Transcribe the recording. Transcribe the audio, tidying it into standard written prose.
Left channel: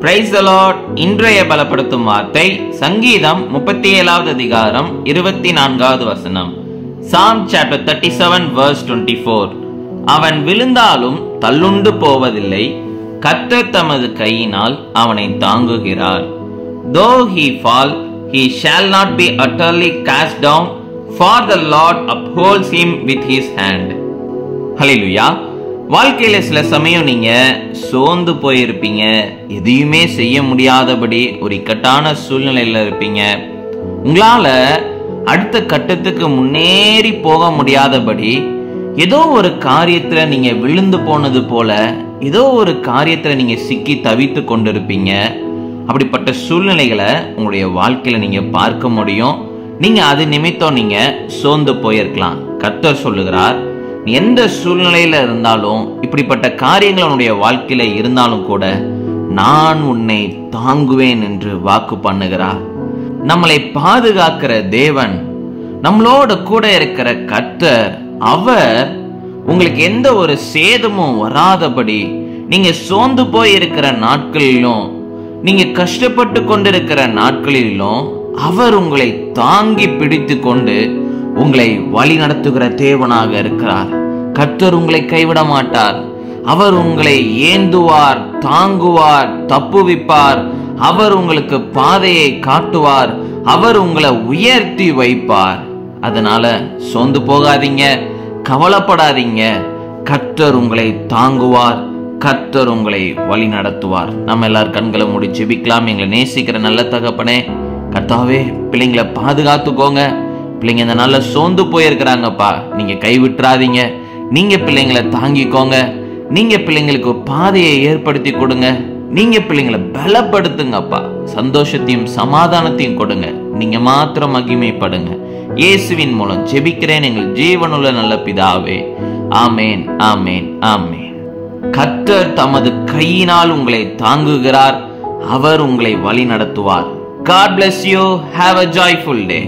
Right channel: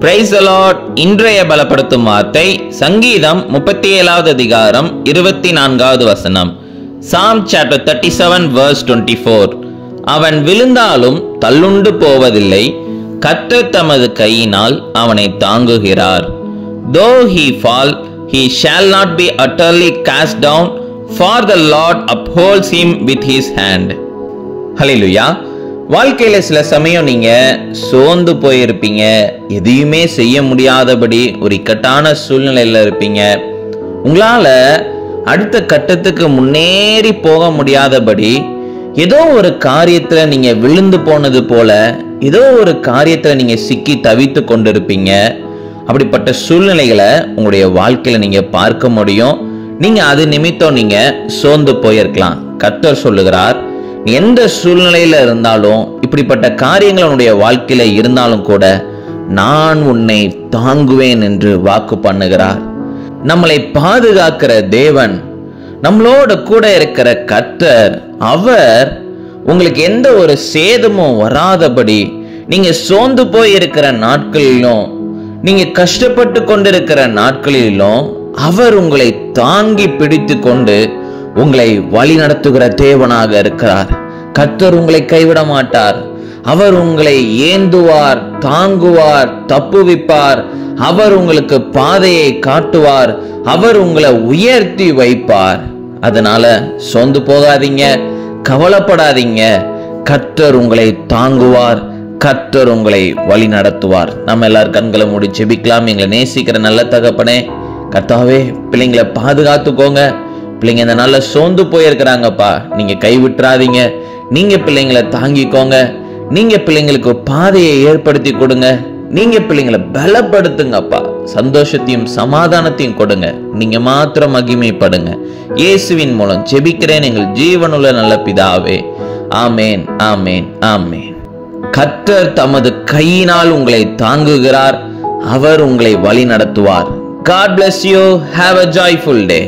Praise the Lord. இன்றைய பலப்படுத்தும் வார்த்தை சங்கீதம் 37வது அதிகாரம் 24வது வசனம். Psalm chapter 37 verse 24. அவன் விழுந்தாலும் தள்ளுண்டு போவதில்லை, கர்த்தர் தமது கையினால் அவனை தாங்குகிறார். Though he fall, he shall not be utterly cast down, for the Lord upholds him with his hand. ஹல்லேலூயா. வாழ்க்கையில சில சமயம் நீங்க சோர்ந்து போயிருப்பீங்க, எதையுமே செய்ய முடியாதபடி ஒரு இக்கட்டான சூழ்நிலையில இருப்பீங்க. உங்களால அடுத்த கட்டத்துக்கு முன்னேறி போக முடியாதபடி ஏதோ ஒரு காரியத்துல நீங்க விழுந்து போனது போல ஏதோ ஒரு காரியத்துல நீங்க சிக்கி தவித்து கொண்டிருப்பீங்க. அப்படிப்பட்ட சூழ்நிலைகளை உங்களுடைய வாழ்க்கையில நீங்க பார்க்க முடியும். நீங்க அது நிமித்தம் நீங்க சோர்ந்து போயிருக்கலாம். கர்த்தர் சொல்லுகிறார், எந்த சூழ்நிலையில இருந்தாலும், இப்படிப்பட்ட காரியங்கள் உன்னுடைய வாழ்க்கையில இருந்தாலும் கூட நான் உன்னை தாங்குவேன் என்று வாக்கு பண்ணுகிறார். நம்மளை பாதுகாக்கிற தேவன், நம்மளோட கூட இருக்கிற கர்த்தர், அவர் உங்களுக்கு எந்த ஒரு சேதமும் வராதபடி, நீங்க சோர்ந்து போய் இருக்கிற நாட்களிலும், நீங்க கஷ்டப்பட்டு கொண்டிருக்கிற நாட்களிலும் அவர் உங்களை தாங்கி பிடித்து கொண்டு உங்களை வழி நடத்துகிற தேவனாக இருக்கிறார். கர்த்தர் உங்களை கைவிட மாட்டார். அவர் உங்களை ஏந்துவார், தாங்குவார், தப்புவிப்பார். அவர் உங்களுக்கு பாதையை காட்டுவார். அவர் உங்களை உயர்த்தி வைப்பார். அதனால சோர்ந்து போகாதீங்க, கவலைப்படாதீங்க. கர்த்தர் உங்களை தாங்குவார், கர்த்தர் உங்களை வழி நடத்துவார். நம்ம எல்லாரும் கண்களை மூடி ஜெபிக்கலாம். எங்களை நேசிக்கிற நல்ல தகப்பனே, கர்த்தாவே, பிள்ளைங்களை பாதுகாத்துக்கோங்க. பிள்ளைங்க இந்த நாள்ல சோர்ந்து போயிருக்கிறாங்கப்பா, நீங்க கைவிட்டுறாதீங்க. நீங்க பிள்ளைங்களை தாங்கிக்கோங்க. நீங்க பிள்ளைங்களுக்கு பாதையை ஏற்படுத்தி கொடுங்க. நீங்க பிள்ளைங்களை பலப்படுத்துங்கப்பா. சந்தோஷத்தையும் சமாதானத்தையும் கொடுங்க. நீங்க மாத்திரம் மகிமைப்படுங்க. இயேசுவின் மூலம் ஜெபிக்கிறேன் எங்கள் ஜீவனுள்ள நல்ல பிதாவே. ஆமேன், ஆமேன், ஆமேன். கர்த்தர் தமது கையினால் உங்களை தாங்குகிறார். அவர் உங்களை வழி நடத்துவார். God bless you. Have a joyful day.